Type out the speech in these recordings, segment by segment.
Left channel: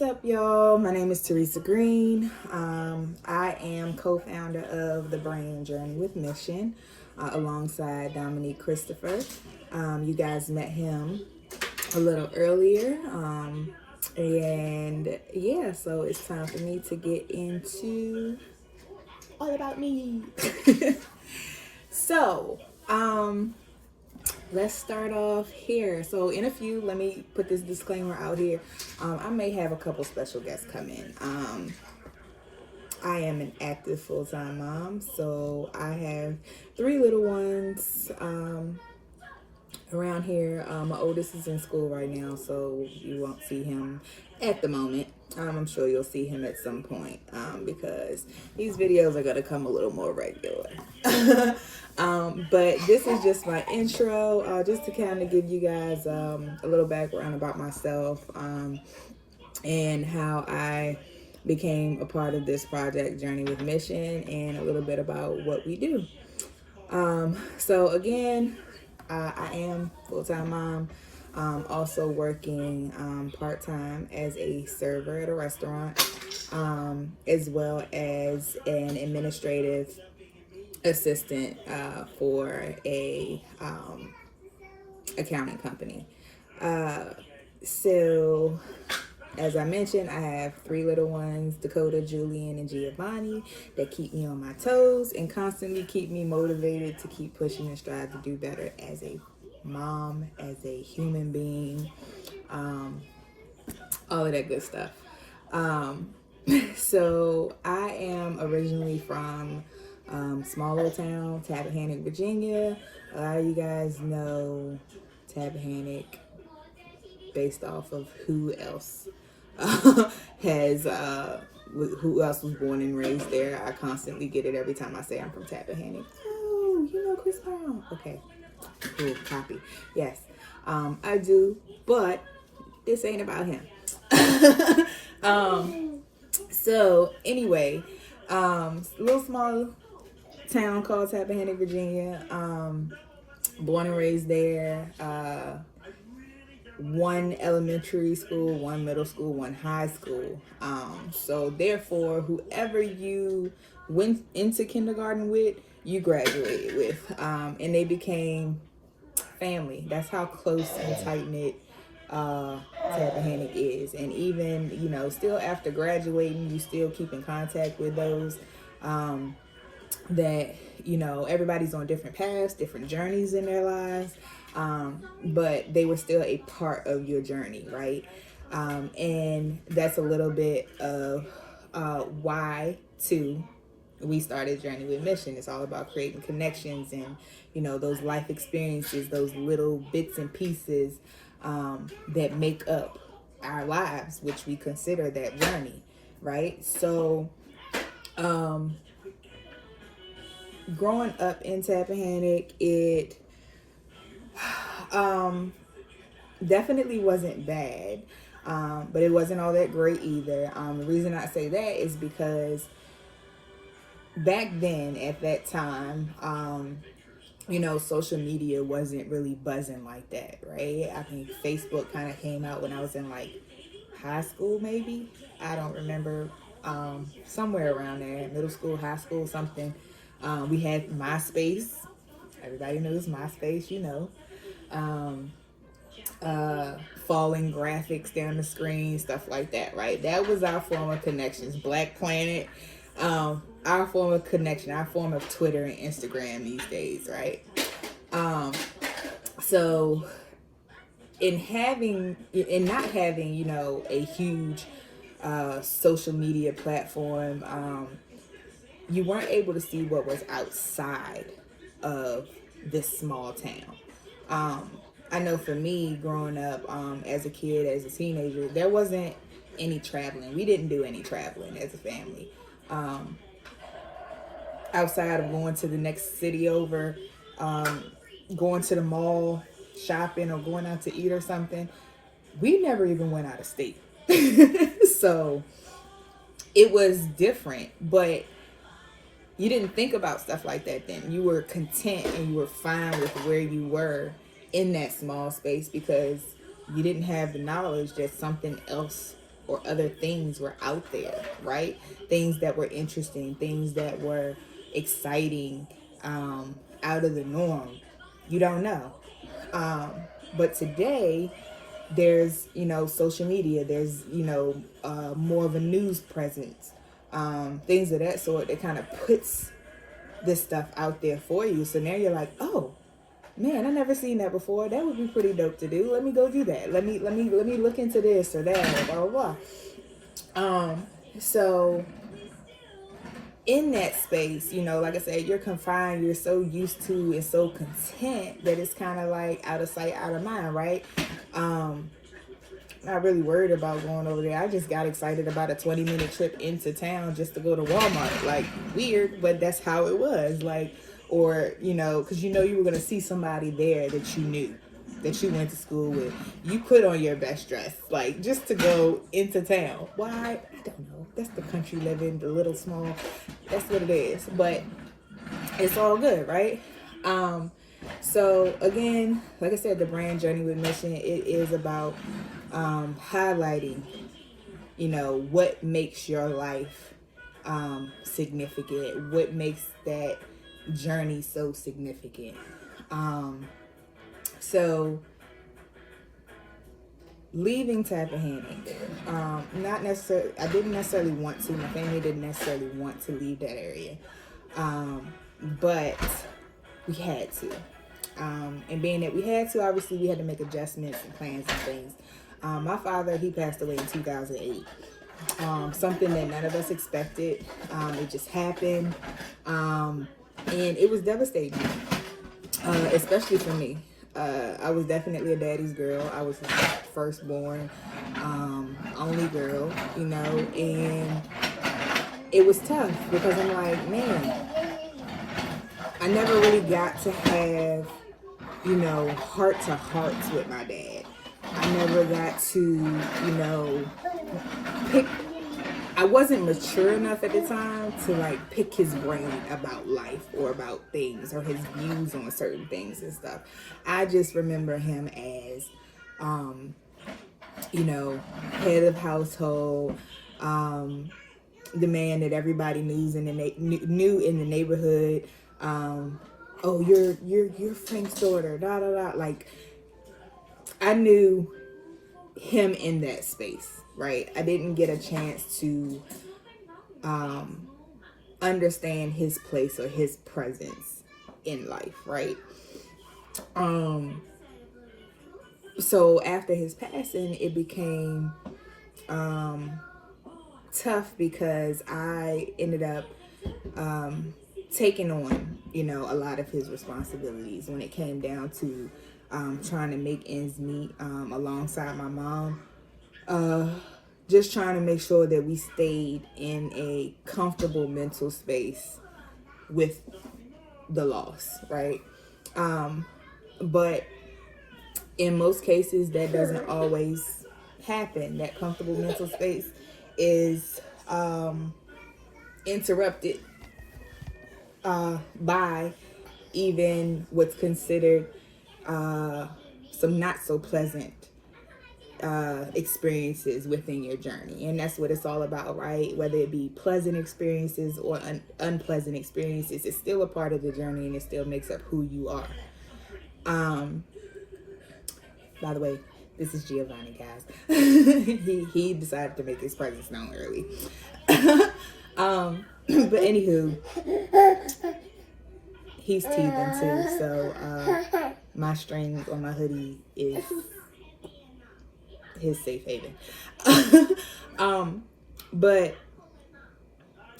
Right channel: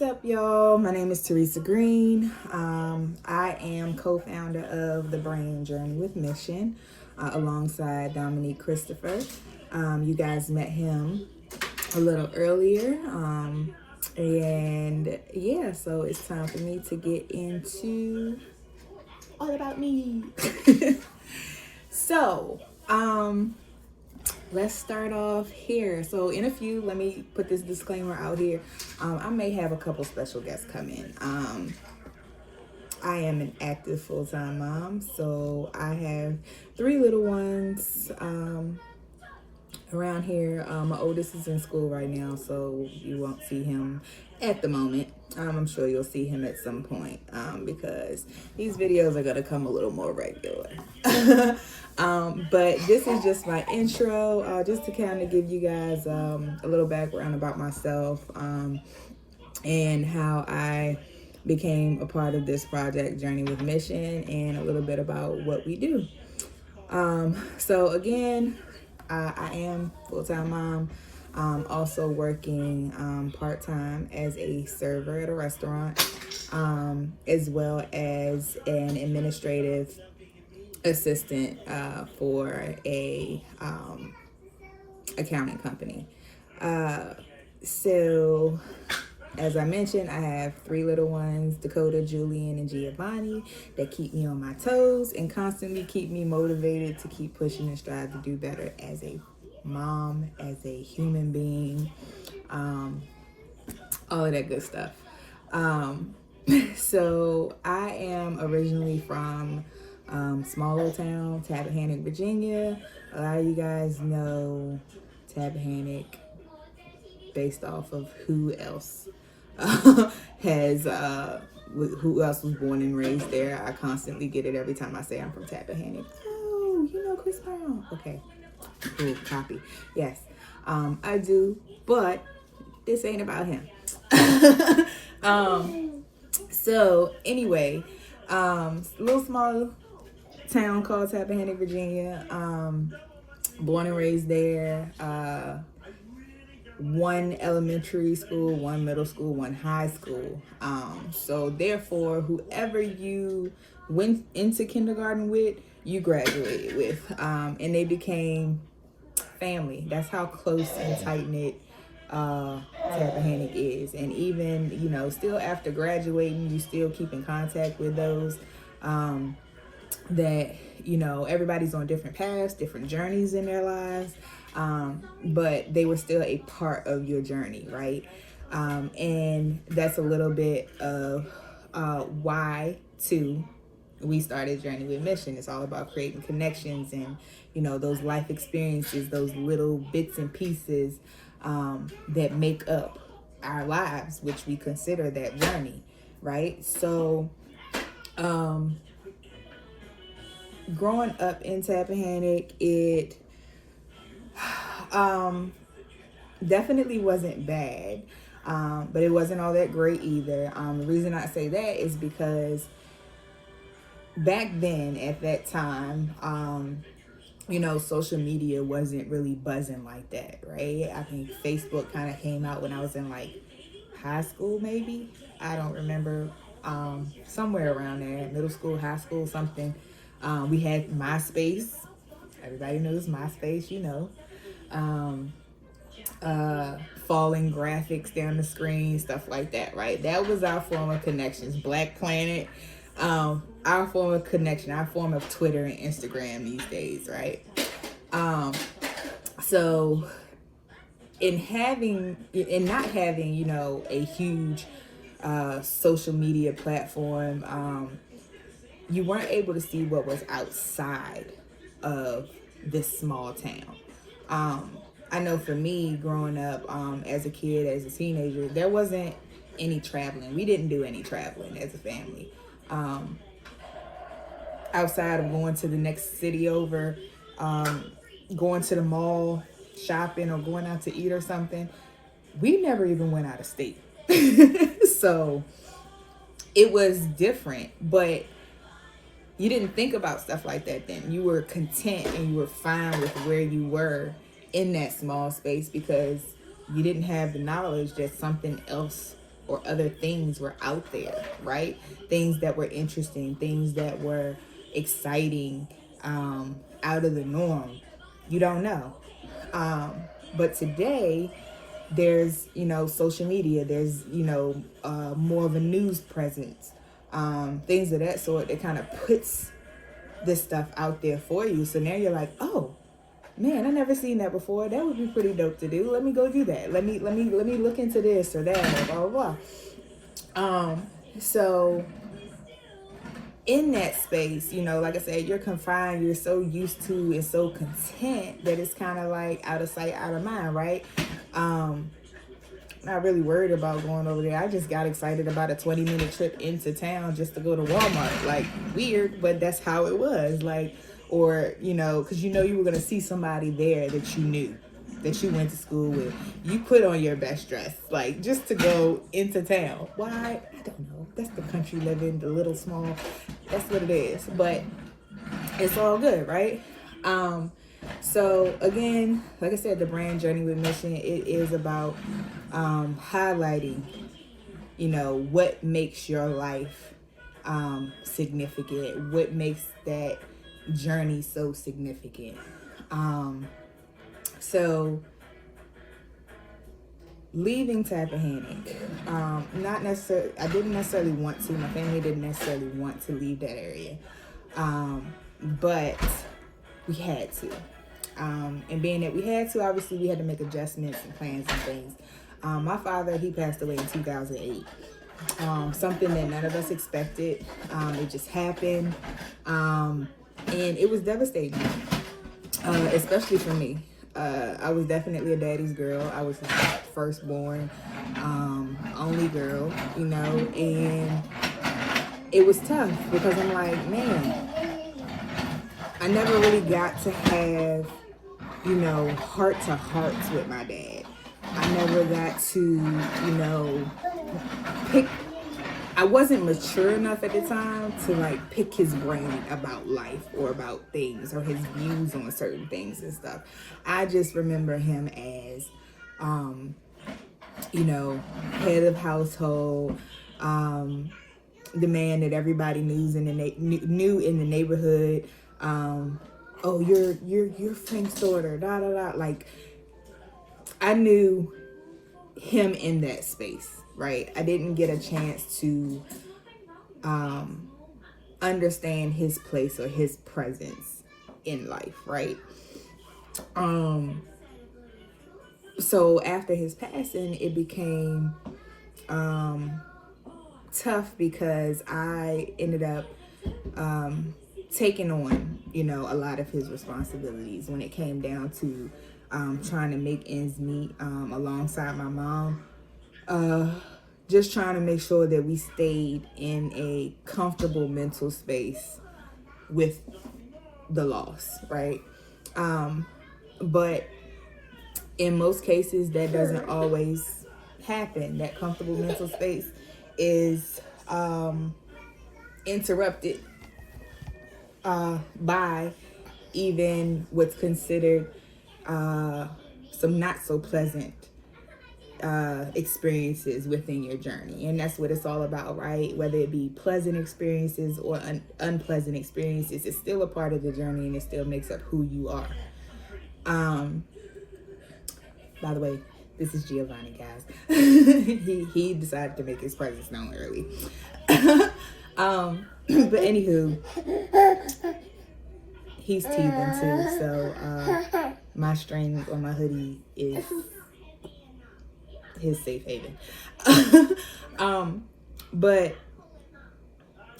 What's up, y'all? My name is Teresa Green. I am co-founder of the Brain Journey with Mission alongside Dominique Christopher. You guys met him a little earlier. And yeah, so it's time for me to get into all about me. So, let's start off here. So in a few, let me put this disclaimer out here. I may have a couple special guests come in. I am an active full-time mom, so I have 3 little ones around here. My oldest is in school right now, so you won't see him at the moment. I'm sure you'll see him at some point because these videos are going to come a little more regular. But this is just my intro, just to kind of give you guys a little background about myself and how I became a part of this project, Journey with Mission, and a little bit about what we do. So again, I am full-time mom, also working part-time as a server at a restaurant, as well as an administrative assistant for a accounting company. So as I mentioned, I have 3 little ones, Dakota, Julian, and Giovanni, that keep me on my toes and constantly keep me motivated to keep pushing and strive to do better as a mom, as a human being, all of that good stuff. So I am originally from small old town, Tappahannock, Virginia. A lot of you guys know Tappahannock based off of who else who else was born and raised there. I constantly get it every time I say I'm from Tappahannock. Oh, you know Chris Brown. Okay, cool, copy. Yes, I do, but this ain't about him. So anyway, little small town called Tappahannock, Virginia. Born and raised there. 1 elementary school, 1 middle school, 1 high school. So therefore, whoever you went into kindergarten with, you graduated with, and they became family. That's how close and tight knit Tappahannock is. And even, still after graduating, you still keep in contact with those that, everybody's on different paths, different journeys in their lives. But they were still a part of your journey, right? And that's a little bit of why, too, we started Journey with Mission. It's all about creating connections and, those life experiences, those little bits and pieces that make up our lives, which we consider that journey, right? So, growing up in Tappahannock, it definitely wasn't bad, but it wasn't all that great either. The reason I say that is because back then, at that time, social media wasn't really buzzing like that, right? I think Facebook kind of came out when I was in like high school, maybe. I don't remember, somewhere around there, middle school, high school, something. We had MySpace. Everybody knows MySpace, falling graphics down the screen, stuff like that, right? That was our form of connections. Black Planet, our form of connection, our form of Twitter and Instagram these days, right? So in not having, a huge social media platform, you weren't able to see what was outside of this small town. I know for me, growing up as a kid, as a teenager, there wasn't any traveling. We didn't do any traveling as a family. Outside of going to the next city over, going to the mall, shopping, or going out to eat or something, we never even went out of state. So it was different, but you didn't think about stuff like that then. You were content and you were fine with where you were in that small space because you didn't have the knowledge that something else or other things were out there, right? Things that were interesting, things that were exciting, out of the norm. You don't know. But today, there's, social media, there's, more of a news presence, things of that sort that kind of puts this stuff out there for you. So now you're like, oh man, I never seen that before. That would be pretty dope to do. Let me go do that. Let me look into this or that, or blah blah blah. So in that space, like I said, you're confined, you're so used to and so content that it's kind of like out of sight, out of mind, right? Not really worried about going over there. I just got excited about a 20-minute trip into town just to go to Walmart. Like, weird, but that's how it was. Like, or, because you were going to see somebody there that you knew, that you went to school with. You put on your best dress, like, just to go into town. Why? I don't know. That's the country living, the little small. That's what it is. But it's all good, right? So, again, like I said, the brand Journey with Mission, it is about highlighting, what makes your life significant, what makes that journey so significant. So leaving Tappahannock, not necessarily, I didn't necessarily want to, my family didn't necessarily want to leave that area, but we had to. And being that we had to, obviously we had to make adjustments and plans and things. My father, he passed away in 2008. Something that none of us expected. It just happened. And it was devastating, especially for me. I was definitely a daddy's girl. I was his firstborn, only girl, and it was tough because I'm like, man, I never really got to have, heart to hearts with my dad. I never got to, I wasn't mature enough at the time to like pick his brain about life or about things or his views on certain things and stuff. I just remember him as, head of household, the man that everybody knew in the neighborhood. Oh, you're Frank's daughter, da da da. Like, I knew him in that space, right? I didn't get a chance to understand his place or his presence in life, right? So after his passing, it became tough because I ended up taking on, a lot of his responsibilities when it came down to trying to make ends meet alongside my mom. Just trying to make sure that we stayed in a comfortable mental space with the loss, right? But in most cases, that doesn't always happen. That comfortable mental space is interrupted by even what's considered some not so pleasant experiences within your journey. And that's what it's all about, right? Whether it be pleasant experiences or unpleasant experiences, it's still a part of the journey and it still makes up who you are. By the way, this is Giovanni, guys. he decided to make his presence known early. But anywho, he's teething too, so my string on my hoodie is his safe haven. But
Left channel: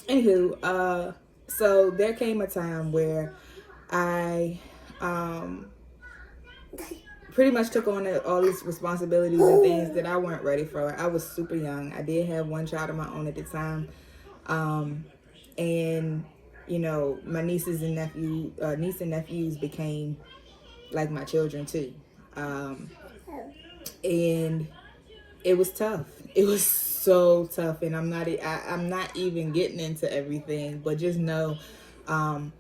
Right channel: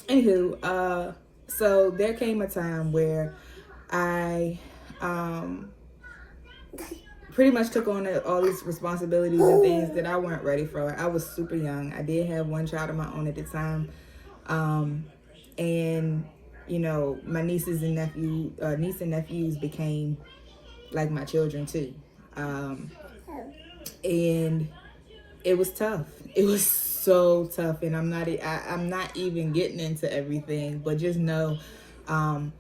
anywho, so there came a time where I pretty much took on all these responsibilities and things that I weren't ready for. I was super young. I did have one child of my own at the time. And my niece and nephews became like my children too. And it was tough. It was so tough, and I'm not even getting into everything, but just know, I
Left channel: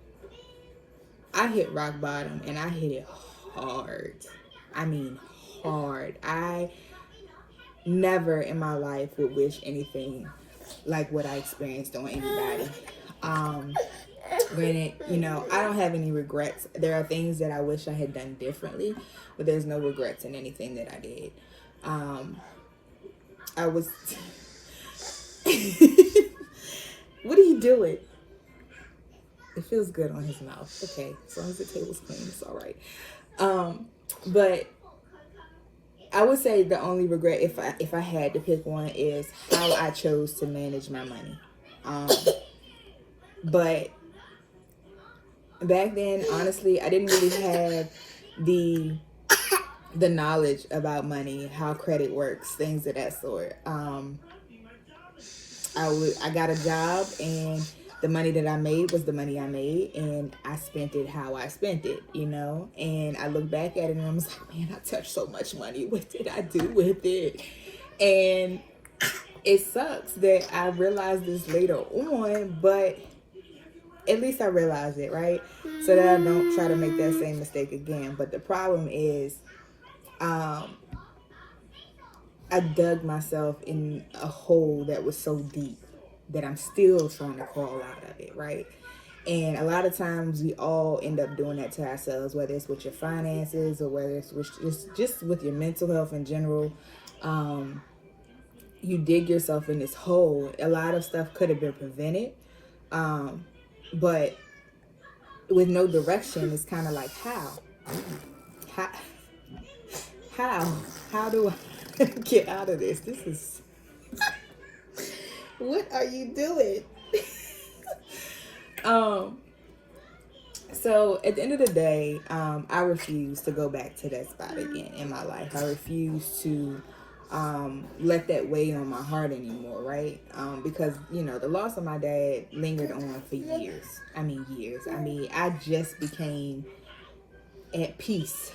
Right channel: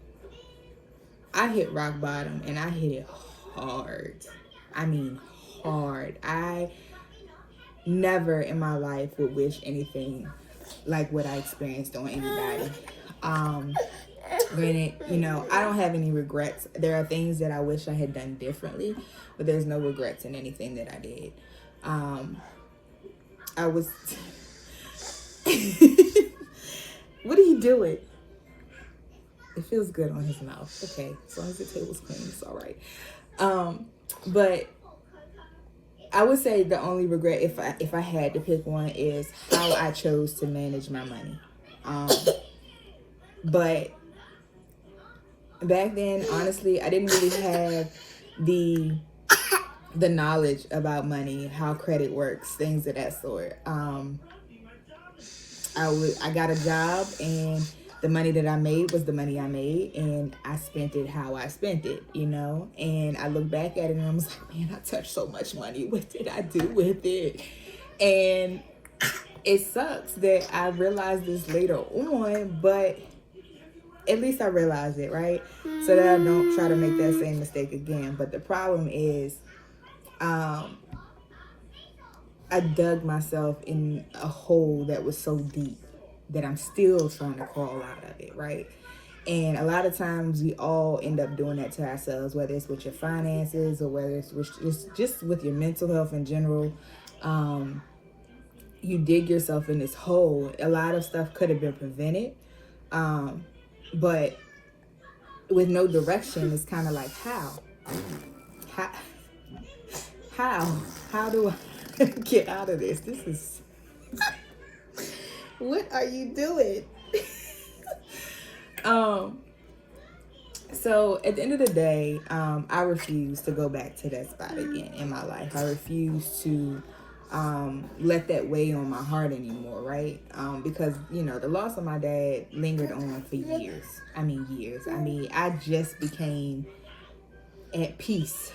hit rock bottom, and I hit it hard. I mean, hard. never in my life would wish anything like what I experienced on anybody. Granted, I don't have any regrets. There are things that I wish I had done differently, but there's no regrets in anything that I did. I was... What are you doing? It feels good on his mouth. Okay, as long as the table's clean, it's all right. But I would say the only regret, if I had to pick one, is how I chose to manage my money. But back then, honestly, I didn't really have the knowledge about money, how credit works, things of that sort. I got a job, and the money that I made was the money I made, and I spent it how I spent it, and I look back at it and I was like, man, I touched so much money. What did I do with it? And it sucks that I realized this later on, but at least I realized it, right? So that I don't try to make that same mistake again. But the problem is, I dug myself in a hole that was so deep that I'm still trying to crawl out of it, right? And a lot of times we all end up doing that to ourselves, whether it's with your finances or whether it's with just with your mental health in general. You dig yourself in this hole. A lot of stuff could have been prevented, but with no direction, it's kind of like, how do I get out of this? This is... What are you doing? So at the end of the day, I refuse to go back to that spot again in my life. I refuse to let that weigh on my heart anymore, right? Because, the loss of my dad lingered on for years. Years. I just became at peace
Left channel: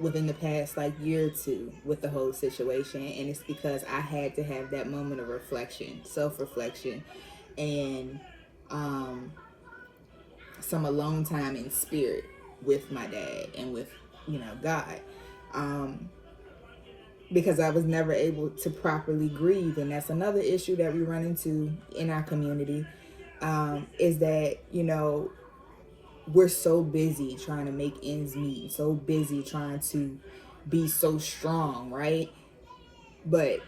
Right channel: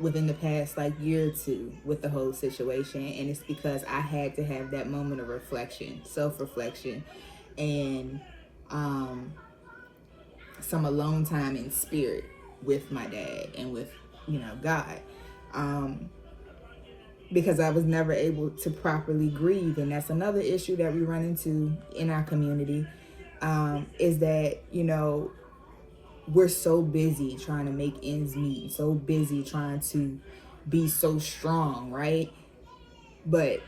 within the past year or two with the whole situation, and it's because I had to have that moment of reflection, self-reflection, and some alone time in spirit with my dad and with God, because I was never able to properly grieve. And that's another issue that we run into in our community, is that we're so busy trying to make ends meet, so busy trying to be so strong, right? But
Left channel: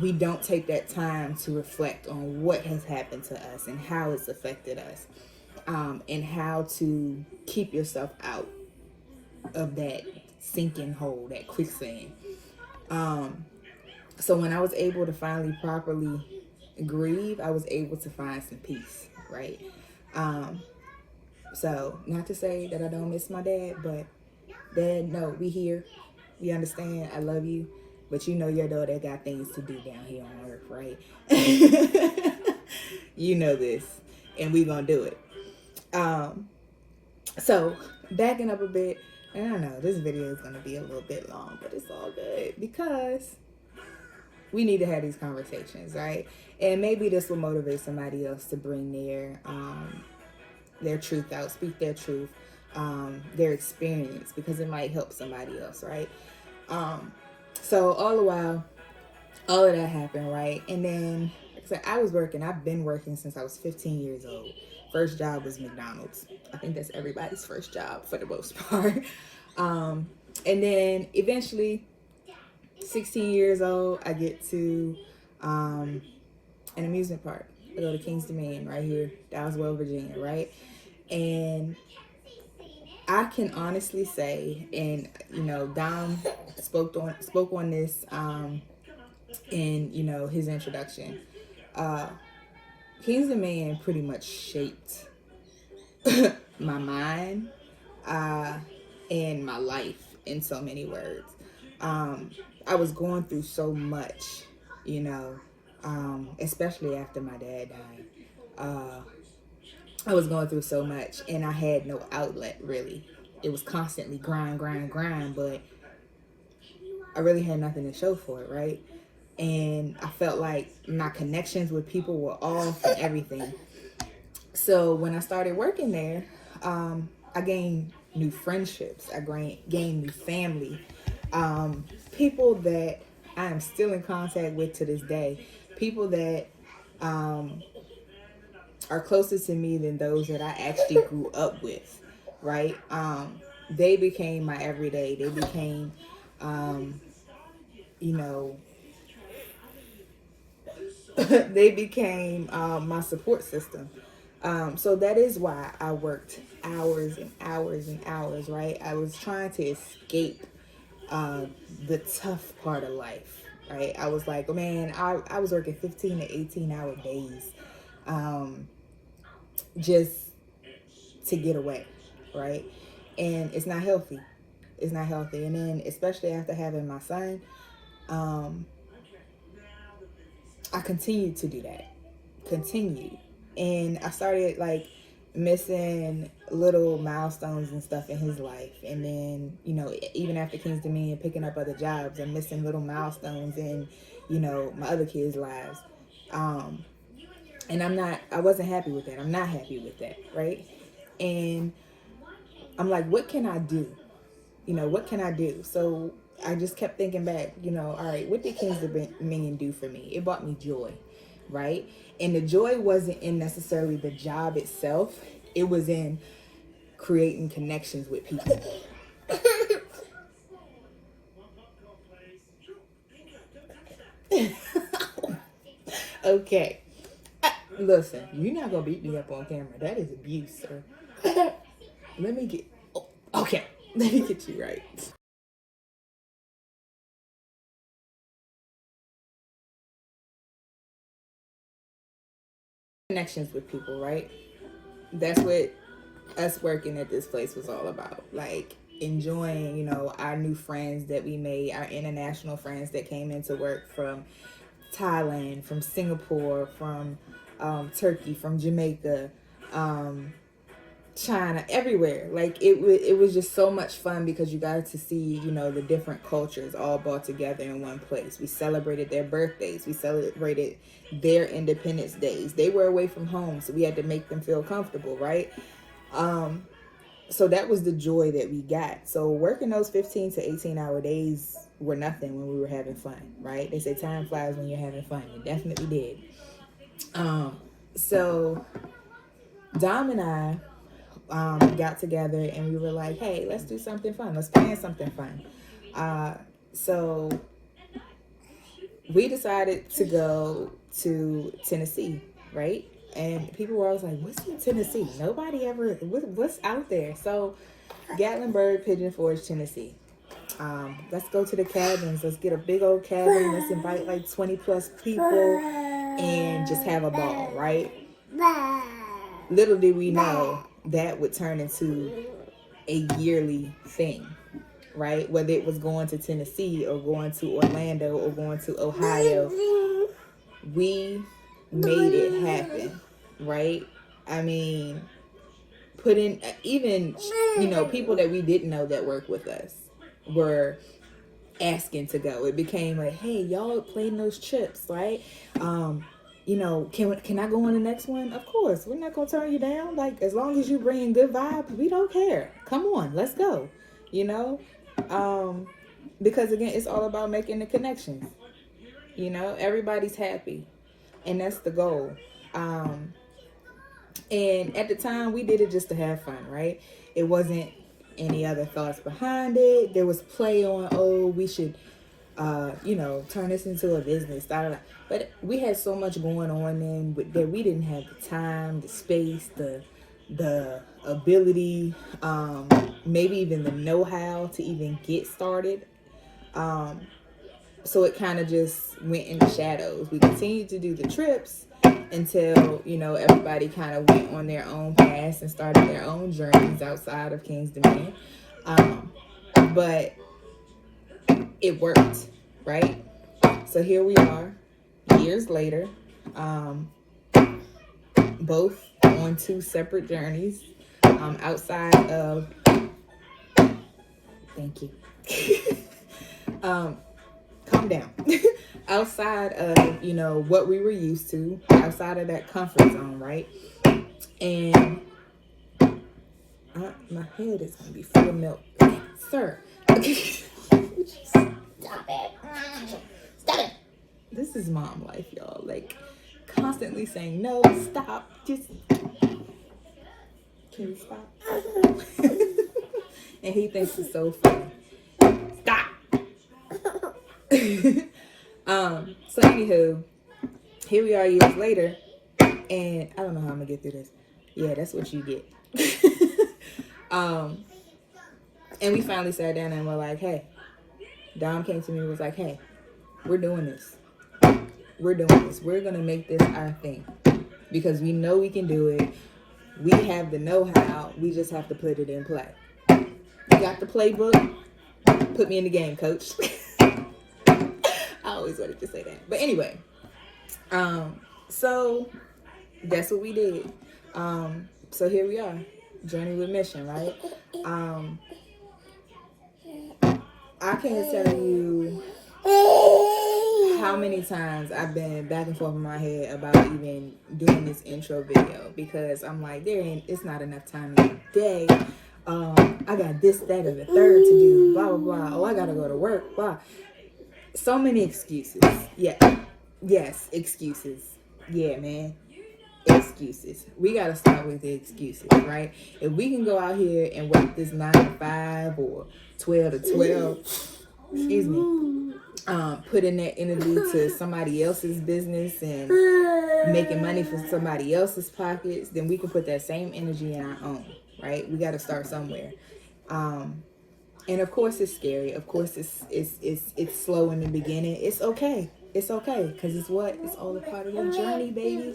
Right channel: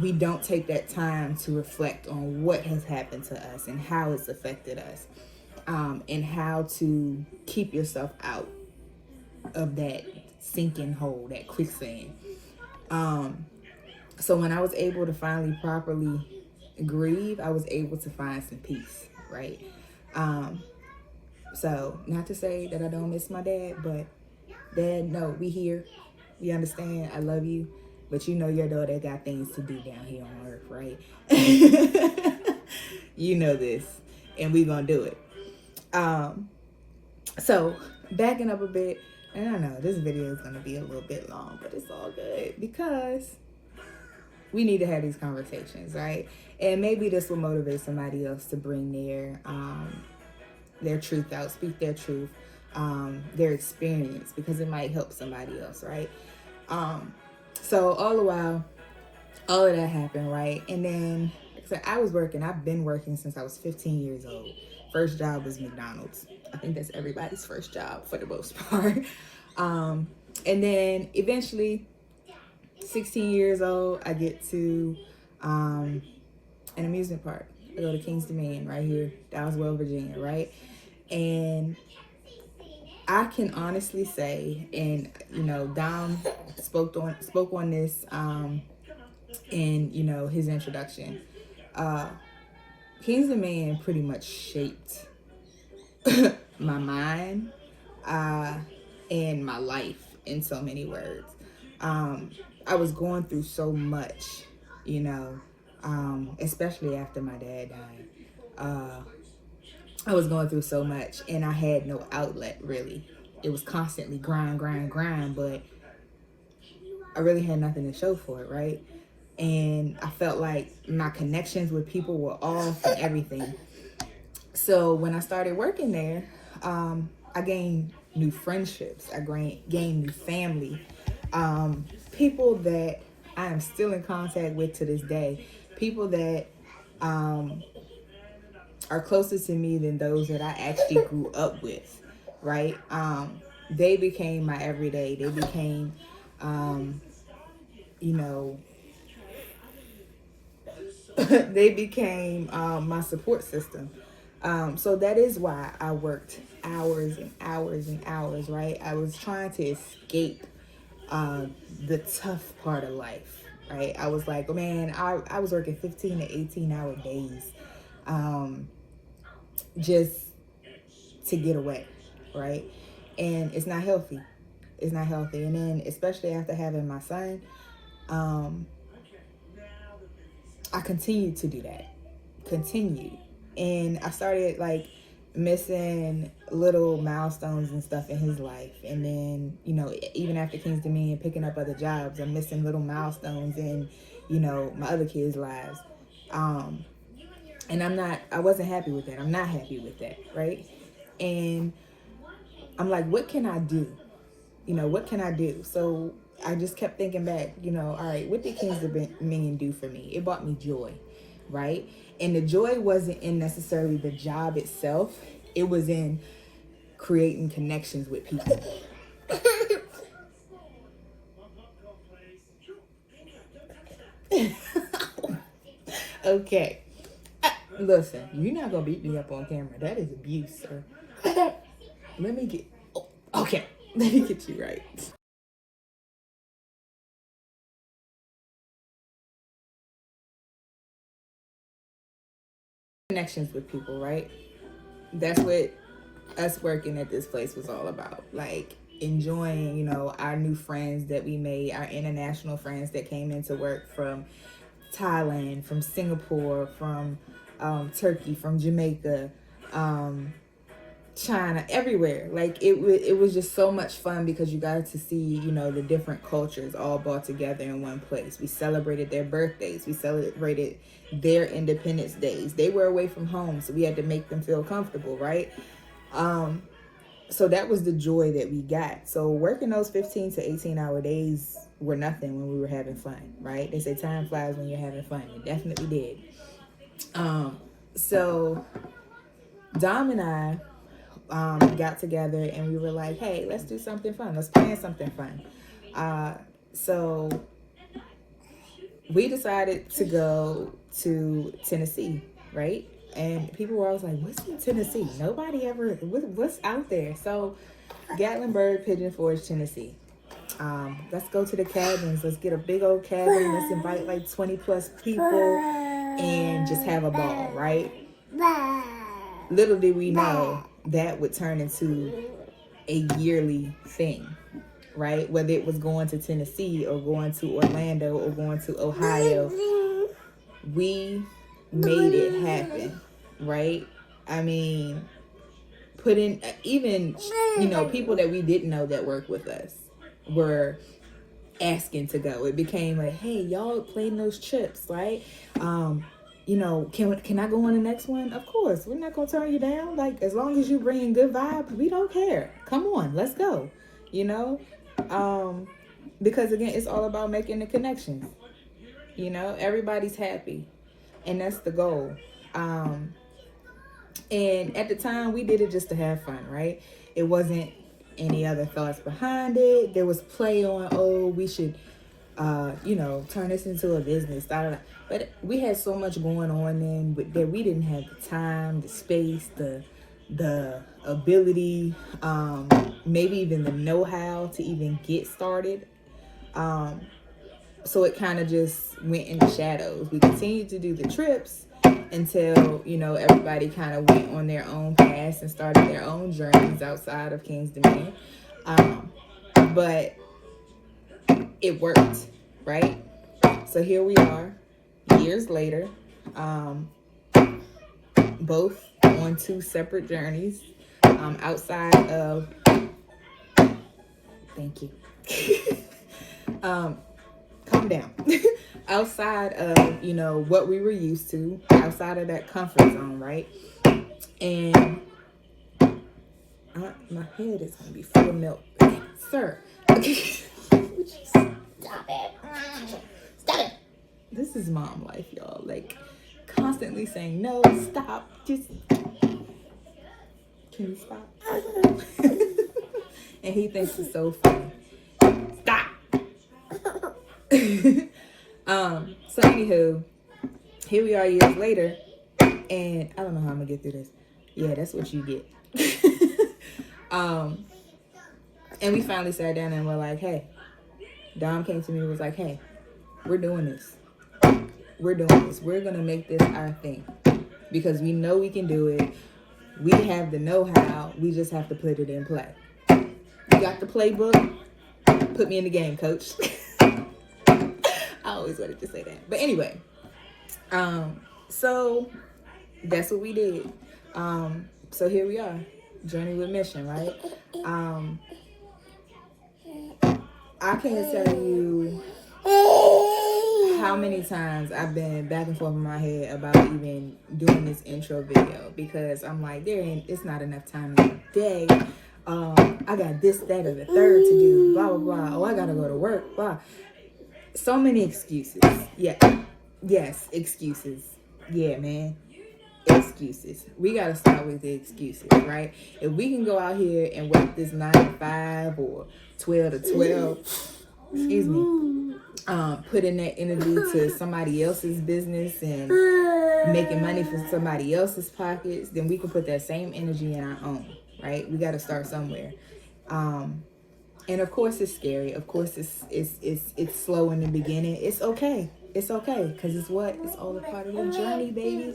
we don't take that time to reflect on what has happened to us and how it's affected us, and how to keep yourself out of that sinking hole, that quicksand. So when I was able to finally properly grieve, I was able to find some peace, right? So, not to say that I don't miss my dad, but Dad, no, we here. We understand. I love you. But your daughter got things to do down here on earth, right? You know this. And we gonna do it. So, backing up a bit, and I know this video is gonna be a little bit long, but it's all good because we need to have these conversations, right? And maybe this will motivate somebody else to bring their truth out, speak their truth, their experience, because it might help somebody else, right? So all the while, all of that happened, right? And then, like I said, I've been working since I was 15 years old. First job was McDonald's. I think that's everybody's first job for the most part. And then eventually, 16 years old, I get to an amusement park. I go to King's Dominion right here, Dowswell, Virginia, right? And I can honestly say, and Dom spoke on this in his introduction. King's Dominion pretty much shaped my mind and my life in so many words. I was going through so much, especially after my dad died. I was going through so much, and I had no outlet, really. It was constantly grind, but I really had nothing to show for it, right? And I felt like my connections with people were off and everything. So when I started working there, I gained new friendships. I gained new family. People that I am still in contact with to this day. People that are closer to me than those that I actually grew up with, right? They became my everyday. They became, you know, they became my support system. So that is why I worked hours and hours and hours, right? I was trying to escape the tough part of life, right? I was like, oh man, I was working 15 to 18-hour days just to get away, right? And it's not healthy. It's not healthy. And then, especially after having my son, I continued to do that. Continued. And I started like missing little milestones and stuff in his life. And then, you know, even after King's Dominion, picking up other jobs, I'm missing little milestones in, you know, my other kids' lives. And I wasn't happy with that. I'm not happy with that, right? And I'm like, what can I do? You know, what can I do? So I just kept thinking back, you know, all right, what did King's Dominion do for me? It brought me joy, right? And the joy wasn't in necessarily the job itself. It was in creating connections with people. Okay. Listen, you're not going to beat me up on camera. That is abuse, sir. Let me get... Okay. Let me get you right. Connections with people, right? That's what us working at this place was all about. Like, enjoying, you know, our new friends that we made, our international friends that came into work from Thailand, from Singapore, from Turkey, from Jamaica, China, everywhere. Like it was just so much fun because you got to see, you know, the different cultures all brought together in one place. We celebrated their birthdays. We celebrated their Independence Days. They were away from home, so we had to make them feel comfortable, right? So that was the joy that we got. So working those 15 to 18-hour days were nothing when we were having fun, right? They say time flies when you're having fun. It definitely did. So Dom and I got together and we were like, hey, let's do something fun. Let's plan something fun. So we decided to go to Tennessee, right? And people were always like, what's in Tennessee? Nobody ever, what's out there? So Gatlinburg, Pigeon Forge, Tennessee. Let's go to the cabins. Let's get a big old cabin. Let's invite like 20 plus people and just have a ball, right? Little did we know that would turn into a yearly thing, right? Whether it was going to Tennessee or going to Orlando or going to Ohio, we made it happen, right? I mean, put in, even, you know, people that we didn't know that worked with us were asking to go. It became like, hey, y'all playing those trips, right? You know, can I go on the next one? Of course, we're not gonna turn you down. Like, as long as you bring good vibes, we don't care. Come on, let's go. You know, because again, it's all about making the connections. You know, everybody's happy, and that's the goal. And at the time, we did it just to have fun, right? It wasn't any other thoughts behind it. There was play on, oh, we should, you know, turn this into a business. But we had so much going on then that we didn't have the time, the space, the ability, maybe even the know-how to even get started. So it kind of just went in the shadows. We continued to do the trips until, you know, everybody kind of went on their own paths and started their own journeys outside of King's Dominion. But it worked, right? So here we are, years later, both on two separate journeys, outside of, thank you. Calm down. Outside of, you know, what we were used to, outside of that comfort zone, right? And my head is gonna be full of milk, sir. Would you stop it? Stop it. This is mom life, y'all. Like, constantly saying, no, stop. Just, can you stop? And he thinks it's so funny. Stop. So anywho, here we are years later, and I don't know how I'm gonna get through this. Yeah, that's what you get. And we finally sat down and we're like, hey, Dom came to me and was like, hey, we're doing this. We're doing this. We're gonna make this our thing because we know we can do it. We have the know-how. We just have to put it in play. You got the playbook? Put me in the game, coach. I always wanted to say that. But anyway, so that's what we did. So here we are, Journey with Mission, right? I can't tell you how many times I've been back and forth in my head about even doing this intro video because I'm like, it's not enough time in the day. I got this, that, and the third to do, blah, blah, blah. Oh, I gotta go to work, blah. So many excuses. Yeah. Yes, excuses. Yeah, man. Excuses. We gotta start with the excuses, right? If we can go out here and work this 9 to 5 or 12 to 12, excuse me, put in that energy to somebody else's business and making money for somebody else's pockets, then we can put that same energy in our own, right? We got to start somewhere. And of course it's scary. Of course it's slow in the beginning. It's okay. It's okay because it's all a part of your journey, baby.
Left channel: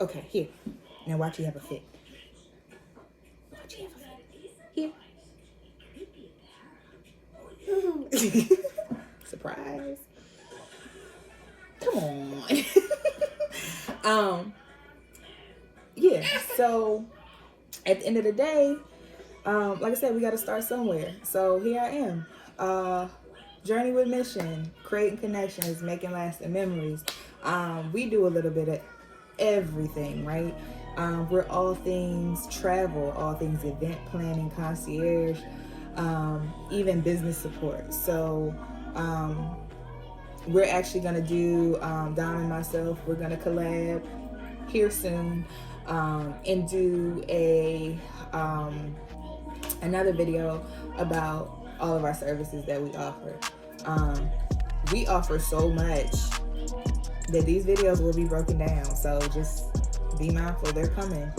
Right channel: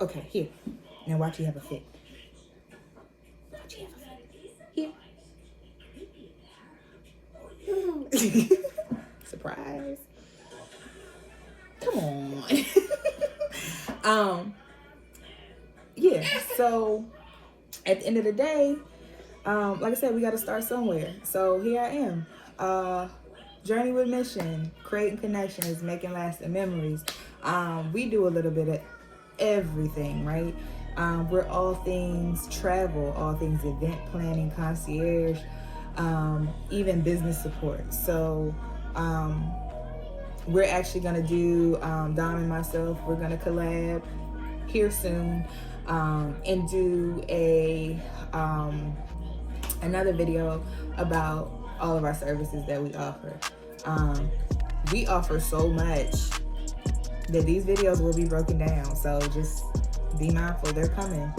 Okay, here. Now watch you have a fit. Watch you have a fit. Here. Surprise. Come on. Yeah, so at the end of the day, like I said, we got to start somewhere. So here I am. Journey with Mission, creating connections, making lasting memories. We do a little bit of everything, right? We're all things travel, all things event planning, concierge, even business support. So we're actually going to do, Dom and myself, we're going to collab here soon and do another video about all of our services that we offer. We offer so much that these videos will be broken down. So just be mindful, they're coming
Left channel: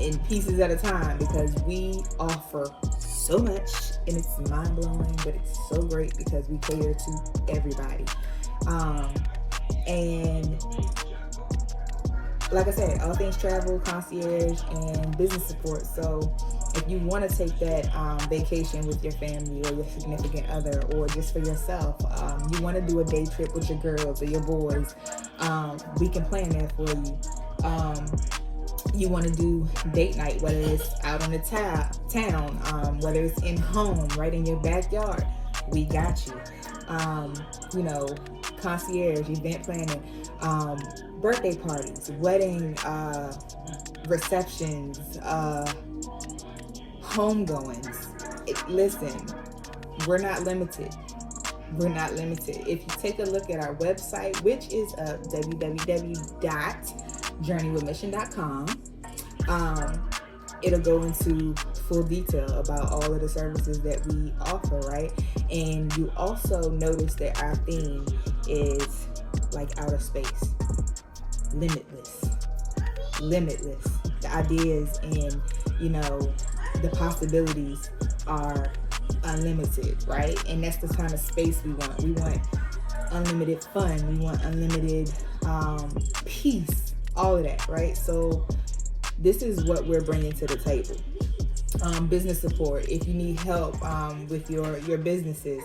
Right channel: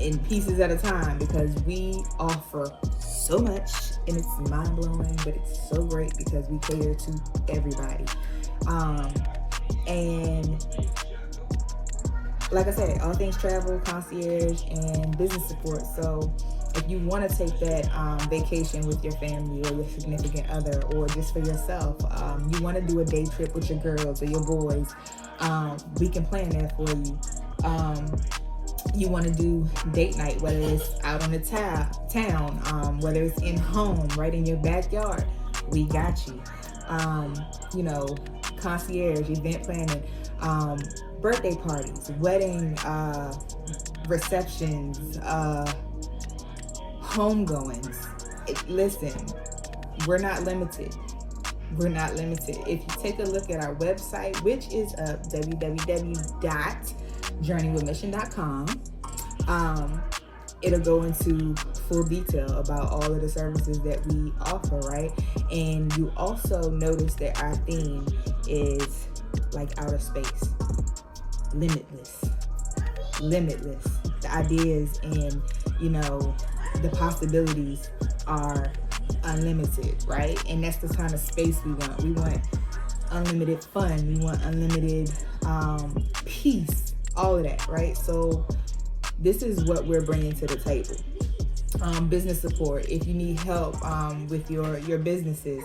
in pieces at a time because we offer so much and it's mind-blowing, but it's so great because we cater to everybody. And like I said, all things travel, concierge, and business support. So if you want to take that vacation with your family or your significant other or just for yourself, you want to do a day trip with your girls or your boys, we can plan that for you. You want to do date night, whether it's out on the town, whether it's in home, right in your backyard, we got you. Concierge, event planning, birthday parties, wedding, receptions, homegoings. Listen, we're not limited. We're not limited. If you take a look at our website, which is www.journeywithmission.com, it'll go into full detail about all of the services that we offer, right? And you also notice that our theme is like outer space, limitless. The ideas and, the possibilities are unlimited, right? And that's the kind of space we want. We want unlimited fun. We want unlimited peace, all of that, right? So this is what we're bringing to the table. Business support. If you need help with your businesses,